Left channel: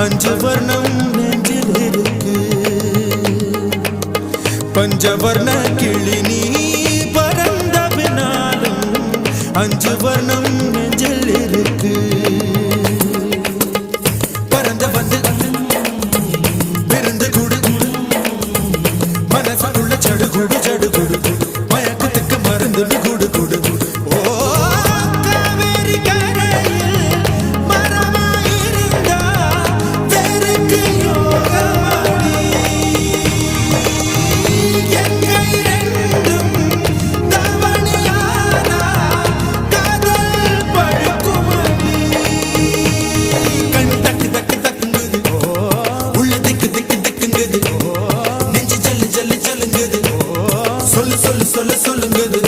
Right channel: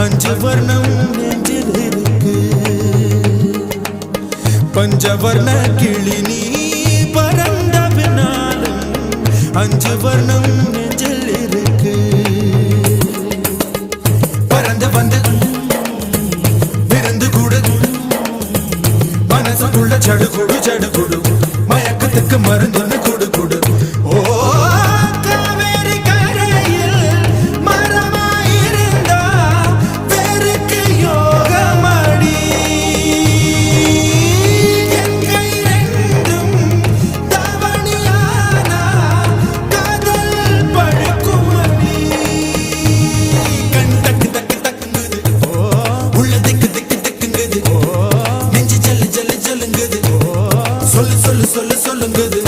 அஞ்சு வர்ணம் நெஞ்சில் இருக்கு பஞ்சவர்ண கிளி நீ பறந்த பின்னாலும் அஞ்சு வர்ணம் நெஞ்சில் இருக்கு பறந்து வந்து விருந்து கூடு மனசுக்குள்ள சடுகுடு சடுகுடு மயக்கத்துக்கு மருந்துன்னு கூடு கூடு ஓ சொல்லு சொல்லு சொல்லு சொல்லுங்குது